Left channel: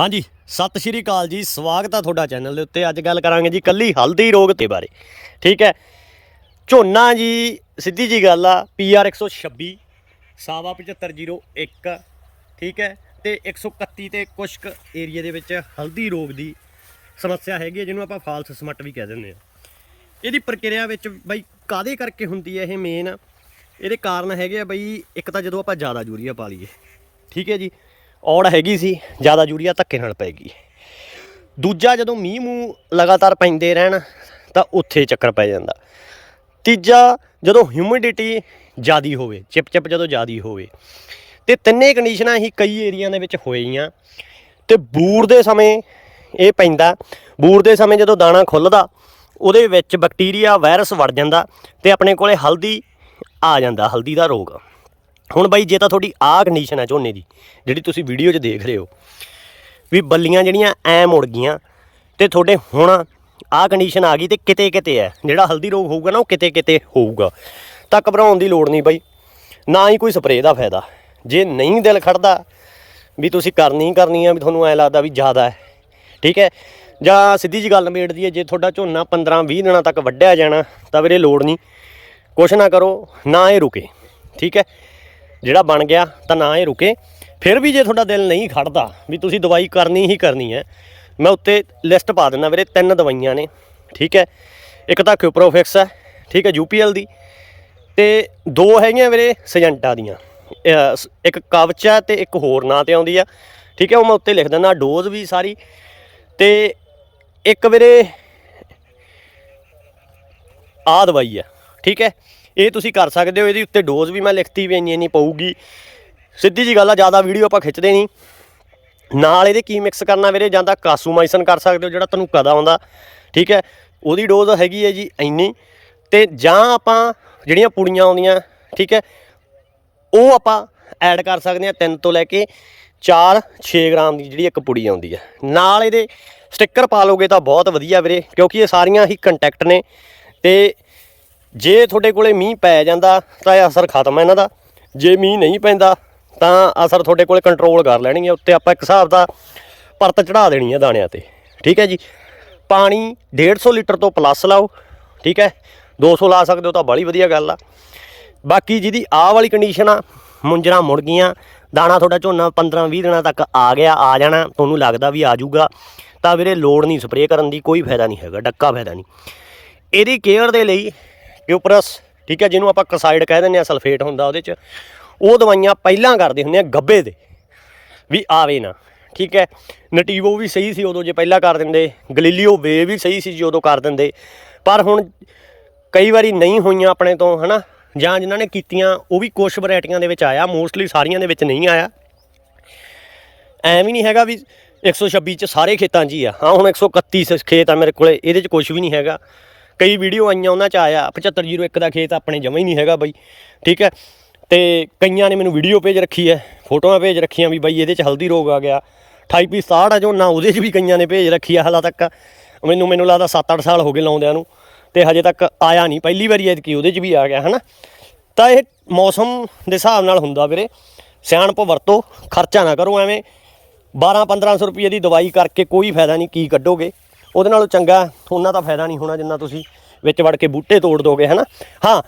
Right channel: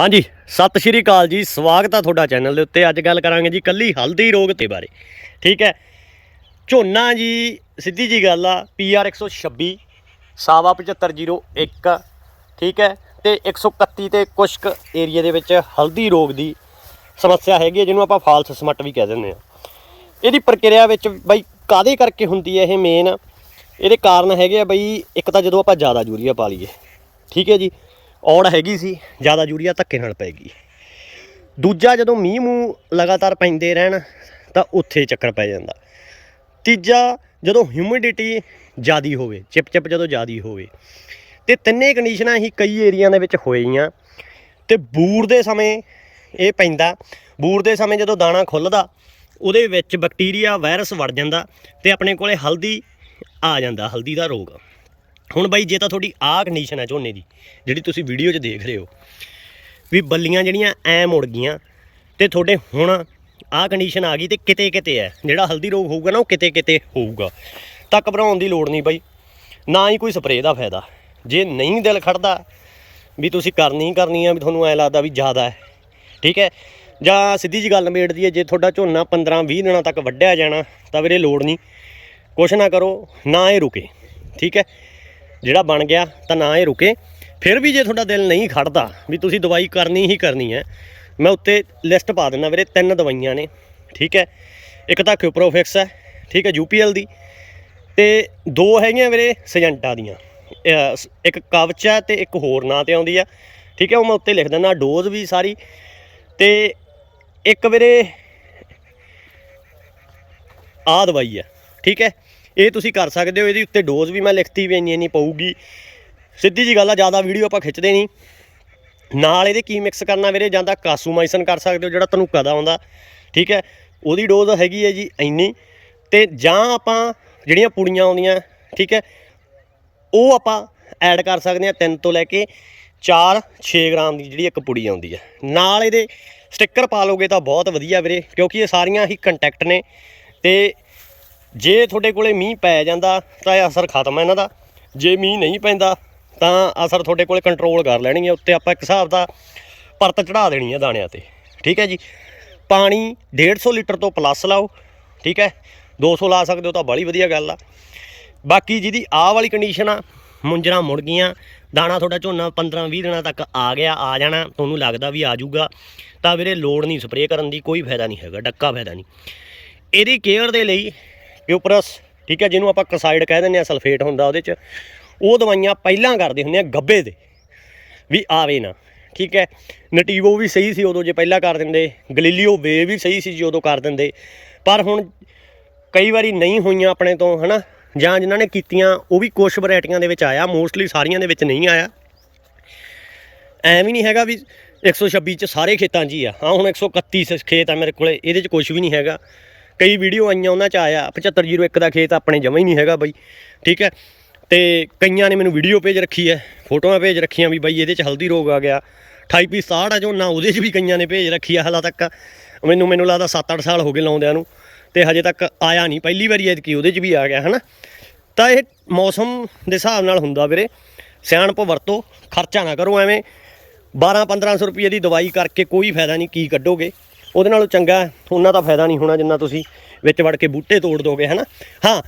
ਹਾਂਜੀ, ਸਤਿ ਸ਼੍ਰੀ ਅਕਾਲ ਜੀ, ਸਵਾਗਤ ਆ ਤੁਹਾਡਾ ਚੈਨਲ ਦੇ ਉੱਤੇ। ਅੱਜ ਗੱਲ ਕਰਾਂਗੇ ਜੀ ਕੱਲੀ ਹਲਦੀ ਰੋਗ ਦੇ ਬਾਰੇ, ਠੀਕ ਹੈ? ਝੋਨਾ ਜੀ, ਸਿੱਧੀ ਜੀ ਗੱਲ ਆ, PR 126 ਸਾਵਾ 7501 ਠੀਕ ਹੈ? ਤੇ 131 ਤੇ ਕੁਸ਼ਕ ਕੁ ਏਰੀਆ ਦੇ ਵਿੱਚ ਹਲਦੀ ਰੋਗ ਦੀ ਸਮੱਸਿਆ ਹੈਗੀ ਹੈ, ਜਿਹਨੂੰ ਆਪਾਂ ਫਾਲਸ ਸਮਟ ਵੀ ਕਹਿ ਦਿੰਦੇ ਆ। ਇਹਦੀ ਪ੍ਰਕਿਰਿਆ ਵਿੱਚ ਬਈ ਕਾਦੇ ਕਰਕੇ ਹੁੰਦੀ ਹੈ ਇਹ ਮੇਨ ਇਹਦੇ ਕਾਰਨ ਹੈਗੇ ਆ ਬਈ ਇੱਕ ਤਾਂ ਜਦੋਂ ਆਪਾਂ ਜ਼ਿਆਦਾ ਯੂਰੀਆ ਪਾ ਲਈਏ, ਠੀਕ ਹੈ ਜੀ? ਔੜ ਹੈਗੀ ਸੀ, ਜ਼ਿਆਦਾ ਯੂਰੀਆ ਧੱਕੇ ਨਾਲ ਪੈ ਗਈ। ਦੂਜਾ ਜਦੋਂ ਮੀਂਹ ਮੂੰਹ ਲਗਾਤਾਰ ਪੈਂਦੇ ਰਹਿਣ, ਤਾਂ ਉੱਥੇ ਚੱਕਰ ਪੈ ਜਾਂਦਾ। ਤੀਜਾ, ਜਦੋਂ ਹਿਊਮਿਡਿਟੀ ਜ਼ਿਆਦੀ ਹੋਵੇ ਚਿਪ ਚਿਪ ਜਦੋਂ ਜ਼ਿਆਦੀ ਹੋਵੇ, ਤੇ ਤਿੰਨੇ ਕੰਡੀਸ਼ਨਾਂ ਹੀ ਕਈ ਏਰੀਆ ਦੇ ਵਿੱਚ ਹੋਈਆਂ ਤੇ ਬੂਰ ਦੇ ਸਮੇਂ ਇਹ ਪੈਂਦਾ, ਬੂਰ ਦੇ ਸਮੇਂ ਜਦੋਂ ਦਾਣਾ ਖੁੱਲਦਾ, ਉਹਦੇ ਵਿੱਚ ਬੈਕਟੀਰੀਆ ਵਾਇਰਸ ਵੜ ਜਾਂਦਾ, ਤੇ ਆਪਣੇ ਕੋਲੇ ਹਲਦੀ ਆ ਜਾਂਦਾ, ਹਲਦੀ ਦਾ ਰੋਗ। ਹੁਣ ਬਾਈ, ਜੇ ਤਾਂ ਤੁਹਾਡੀ ਆਹ ਕੰਡੀਸ਼ਨ ਹੈ ਝੋਨੇ ਦੀ, ਜਿਹੜੀ ਤੁਸੀਂ ਵੀਡੀਓ 'ਚ ਦੇਖ ਰਹੇ ਹੋ, ਵੀ ਬੱਲੀਆਂ ਜਿਹੜੀਆਂ ਐ ਮੁੜ ਗਈਆਂ ਤੇ ਤੁਹਾਡੇ ਹੁਣ ਆਹ ਕੰਡੀਸ਼ਨ ਆ ਗਈ ਤੇ ਕਿਤੇ ਕਿਤੇ ਹੈ, ਜਿਹੜਾ ਹਲਦੀ ਰੋਗ ਹੋਊਗਾ ਨਾ, ਉਹ ਕਿਤੇ ਕਿਤੇ ਹੋਊਗਾ। ਤਾਂ ਘਬਰਾਉਣ ਦੀ ਲੋੜ ਨਹੀਂ ਬਾਈ, ਨਾ ਹੀ ਕੋਈ ਸਪਰੇਅ ਦਾ ਫਾਇਦਾ। ਜੇ ਨਹੀਂ ਦਿਲ ਖੜਦਾ ਵੀ ਤੁਸੀਂ ਕਰਨੀ ਹੀ ਕਰਨੀ ਆ, ਵੀ ਤੁਹਾਨੂੰ ਐ ਲੱਗਦਾ ਵੀ ਜ਼ਿਆਦਾ ਹੈ, ਠੀਕ ਹੈ? ਜਾਂ ਸਿੱਧੀ ਜੀ ਗੱਲ ਨਿਬੇੜ ਹੈ ਜੇ ਤੁਹਾਡਾ ਝੋਨਾ 15 20 ਦਿਨਾਂ ਤੱਕ ਵੱਢਿਆ ਜਾਣਾ, ਤਾਂ ਵੀਰੇ ਲੋੜ ਨਹੀਂ। ਕੁਛ ਨਾ ਕਰੋ, ਨਾ ਇਹ ਰੁਕੇ, ਠੀਕ ਹੈ? ਜਿਹੜਾ ਬਣ ਗਿਆ ਤਾਂ ਨਾ ਇਹ ਰੁਕੇ। ਫਿਰ ਵੀ ਜੇ ਤੁਹਾਡਾ ਦਿਲ ਨਹੀਂ ਖੜਦਾ ਵੀ ਤੁਸੀਂ ਦਵਾਈ ਕਰਨੀ ਹੀ ਕਰਨੀ ਹੈ, ਮੈਂ ਉੱਤੇ ਲਿਸਟ ਪਾ ਦਿੰਦਾ ਵੀਰੇ, ਤਿੰਨ ਦਵਾਈਆਂ ਨੇ, ਠੀਕ ਹੈ। ਇੱਕ ਤਾਂ ਕਿਊਪਰੋਫਿਕਸ ਹੈ, ਠੀਕ ਹੈ ਯੂਪੀਐਲ ਦੀ। ਤੇ ਦੋ ਹੈਗੀਆਂ ਵੀਰੇ ਸਜੰਟਾ ਦੀਆਂ। ਇੱਕ ਕਵਚ ਹੈ ਤੇ ਇੱਕ ਹੋਰ ਨਾਂ ਤੇ ਆਉਂਦੀ ਆ ਠੀਕ ਹੈ, ਉਹ ਮੈਂ ਉੱਤੇ ਲਿਖ ਦਿੰਦਾ ਡੋਜ਼ ਵੀ ਸਾਰੀ। ਤੇ ਇੱਕ ਵੀਰੇ ਆ ਦਵਾਈ ਆ ਠੀਕ ਹੈ। ਇਹ ਤੁਸੀਂ ਕਰ ਸਕਦੇ ਹੋ, ਇਹਦੇ ਉੱਤੇ ਡੋਜ਼ ਵੀ ਮੈਂ ਲਿਖਤੀ ਵੀ ਇੰਨੀ ਇੰਨੀ ਪਊਗੀ। ਸਿੱਧੀ ਜੀ ਗੱਲ ਆ, ਜ਼ਿਆਦਾ ਵੀਡੀਓ ਆਪਾਂ ਖਿੱਚਦੇ ਨਹੀਂ। ਨਾਲ ਇਹਦੇ ਕੀ ਮਿਕਸ ਕਰਨਾ ਵੀਰੇ, ਜਾਂ ਤਾਂ ਕਾਸੂਮਾਈਸਨ ਕਰ ਸਕਦੇ ਹੋ ਜਿਹੜਾ ਤੁਹਾਨੂੰ ਕਦਾ ਆਉਂਦਾ। ਠੀਕ ਹੈ, ਉਹਦੀ ਡੋਜ਼ ਹੈਗੀ ਹੈ ਜੀ ਇੰਨੀ। ਤੇ ਜਾਂ ਆਪਾਂ ਜਿਹੜੀਆਂ ਪੁੜੀਆਂ ਆਉਂਦੀਆਂ, ਠੀਕ ਹੈ, ਉਹ ਆਪਾਂ ਐਡ ਕਰ ਸਕਦੇ ਹਾਂ 3 ਤੋਂ ਲੈ ਕੇ 4 6 ਗ੍ਰਾਮ ਦੀ ਜਿਹੜੀ ਇੱਕ ਪੁੜੀ ਆਉਂਦੀ ਹੈ। ਨਾਲ ਇਹਦੇ ਸਟicker ਪਾ ਲੋਗੇ ਤਾਂ ਬਹੁਤ ਵਧੀਆ ਵੀਰੇ, ਕਿਉਂਕਿ ਇਹ ਸਾਰੀਆਂ ਹੀ ਕੰਟੈਕਟ ਨੇ। ਤੇ ਜੇ ਤੁਹਾਡੇ ਕੋਲੇ ਮੀਂਹ ਪੈ ਜਾਂਦਾ ਤਾਂ ਇਹ ਅਸਰ ਖਤਮ ਹੈ ਇਹਨਾਂ ਦਾ। ਜੇ ਮੀਂਹ ਨਹੀਂ ਪੈਂਦਾ ਤਾਂ ਅਸਰ ਤੁਹਾਡੇ ਕੋਲੇ ਕੰਟਰੋਲ ਕਰ ਲੈਣਗੇ ਉੱਤੇ ਆਪਾਂ ਇੱਕ ਹਿਸਾਬ ਦਾ ਪਰਤ ਚੜਾ ਦੇਣੀ ਹੈ ਦਾਣਿਆਂ ਤੇ। ਠੀਕ ਹੈ ਜੀ? ਪਾਣੀ 150 ਲੀਟਰ ਤੋਂ ਪਲੱਸ ਲਾਓ, ਠੀਕ ਹੈ? 200 ਲਾ ਸਕਦੇ ਹੋ ਤਾਂ ਬੜੀ ਵਧੀਆ ਗੱਲ ਆ। ਬਾਕੀ ਜਿਹਦੀ ਆਹ ਵਾਲੀ ਕੰਡੀਸ਼ਨ ਆ, ਮੁੰਜਰਾ ਮੁੜ ਗਈਆਂ, ਦਾਣਾ ਤੁਹਾਡਾ ਝੋਨਾ 15 20 ਦਿਨਾਂ ਤੱਕ ਆ ਗਿਆ, ਆ ਜਾਣਾ, ਤੁਹਾਨੂੰ ਲੱਗਦਾ ਵੀ ਆ ਜਾਊਗਾ, ਤਾਂ ਵੀਰੇ ਲੋੜ ਨਹੀਂ ਸਪਰੇਅ ਕਰਨ ਦੀ, ਕੋਈ ਫਾਇਦਾ ਨਹੀਂ ਹੈਗਾ, ਡੱਕਾ ਫਾਇਦਾ ਨਹੀਂ। ਇਹਦੀ ਕੇਅਰ ਦੇ ਲਈ ਕਿਊਪਰਸ ਠੀਕ ਹੈ, ਜਿਹਨੂੰ ਆਪਾਂ ਕਸਾਈਡ ਕਹਿ ਦਿੰਦੇ ਆ ਸਲਫੇਟ ਹੁੰਦਾ ਉਹਦੇ 'ਚ, ਉਹ ਦਵਾਈਆਂ ਪਹਿਲਾਂ ਕਰਦੇ ਹੁੰਦੇ ਆ ਗੱਬੇ ਦੇ, ਵੀ ਆਵੇ ਨਾ, ਠੀਕ ਹੈ, ਨਟੀਵੋ ਵੀ ਸਹੀ ਸੀ ਉਦੋਂ ਜੇ ਪਹਿਲਾਂ ਕਰ ਦਿੰਦੇ, ਗਲੀਲੀਓ ਵੇ ਵੀ ਸਹੀ ਸੀ ਜੀ ਉਦੋਂ ਕਰ ਦਿੰਦੇ, ਪਰ ਹੁਣ ਕਈ ਵਾਰੀ ਨਹੀਂ ਹੋਈਆਂ ਆਪਣੇ ਤੋਂ, ਹਨਾ, ਜਾਂ ਜਿਨ੍ਹਾਂ ਨੇ ਕੀਤੀਆਂ, ਉਹ ਵੀ ਕੁਝ ਵੈਰਾਈਟੀਆਂ ਦੇ ਵਿੱਚ ਆਇਆ, ਮੋਸਟਲੀ ਸਾਰੀਆਂ ਦੇ ਵਿੱਚ ਨਹੀਂ ਆਇਆ। ਐਵੇਂ ਵੀ ਨਹੀਂ ਹੈਗਾ ਵੀ 126 ਚ ਸਾਰੇ ਖੇਤਾਂ 'ਚ ਹੀ ਆ, ਹਾਂ, ਹੁਣ 131 ਸ- ਖੇਤ ਆ ਮੇਰੇ ਕੋਲੇ, ਇਹਦੇ 'ਚ ਕੁਝ ਵੀ ਨਹੀਂ ਹੈਗਾ। ਕਈ ਵੀਡੀਓ ਆਈਆਂ ਉਹਨਾਂ 'ਚ ਆਇਆ 7501 ਦਾ ਖੇਤ ਆਪਣੇ ਜਮਾ ਹੀ ਨਹੀਂ ਹੈਗਾ ਬਾਈ, ਠੀਕ ਹੈ? ਤੇ ਕਈਆਂ ਨੇ ਮੈਨੂੰ ਵੀਡੀਓ ਭੇਜ ਰੱਖੀ ਹੈ, ਫੋਟੋਆਂ ਭੇਜ ਰੱਖੀਆਂ ਵੀ ਬਾਈ ਇਹਦੇ 'ਚ ਹਲਦੀ ਰੋਗ ਆ ਗਿਆ 28 ਪੀ 67 ਆ ਜੋ, ਨਾ ਉਹਦੇ 'ਚ ਵੀ ਕਈਆਂ ਨੇ ਭੇਜ ਰੱਖੀ ਆ ਹਾਲਾ ਤੱਕ, ਮੈਨੂੰ ਮੈਨੂੰ ਲੱਗਦਾ 7-8 ਸਾਲ ਹੋ ਗਏ ਲਾਉਂਦਿਆਂ ਨੂੰ, ਤੇ ਹਜੇ ਤੱਕ ਆਇਆ ਨਹੀਂ, ਪਹਿਲੀ ਵਾਰੀ ਐਤਕੀ ਉਹਦੇ 'ਚ ਵੀ ਆ ਗਿਆ, ਹਨਾ? ਤਾਂ ਇਹ ਮੌਸਮ ਦੇ ਹਿਸਾਬ ਨਾਲ ਹੁੰਦਾ ਵੀਰੇ, ਸਿਆਣਪ ਵਰਤੋ, ਖਰਚਾ ਨਾ ਕਰੋ ਐਵੇਂ 12-1500 ਰੁਪਏ ਦੀ ਦਵਾਈ ਕਰਕੇ ਕੋਈ ਫਾਇਦਾ ਨਹੀਂ, ਕੀ ਕੱਢੋਗੇ? ਉਹਦੇ ਨਾਲੋਂ ਚੰਗਾ ਉਹਨਾਂ ਦਾ ਫਾਇਦਾ ਨਹੀਂ ਹੋਣਾ ਜਿੰਨਾ ਤੁਸੀਂ ਵਿੱਚ ਵੜ ਕੇ ਬੂਟੇ ਤੋੜ ਦੋਗੇ, ਹਨਾ? ਹਾਂ,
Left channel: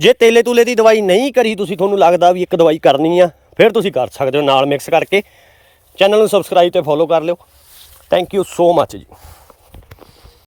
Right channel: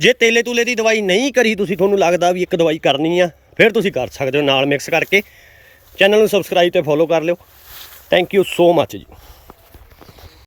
ਜੇ ਤੇਲੇ ਤੂਲੇ ਦੀ ਦਵਾਈ ਨਹੀਂ ਕਰੀ ਤੁਸੀਂ, ਤੁਹਾਨੂੰ ਲੱਗਦਾ ਵੀ ਇੱਕ ਦਵਾਈ ਕਰਨੀ ਆ, ਫਿਰ ਤੁਸੀਂ ਕਰ ਸਕਦੇ ਹੋ ਨਾਲ ਮਿਕਸ ਕਰਕੇ। ਚੈਨਲ ਨੂੰ ਸਬਸਕ੍ਰਾਈਬ ਤੇ ਫੋਲੋ ਕਰ ਲਿਓ। ਥੈਂਕ ਯੂ ਸੋ ਮੱਚ ਜੀ।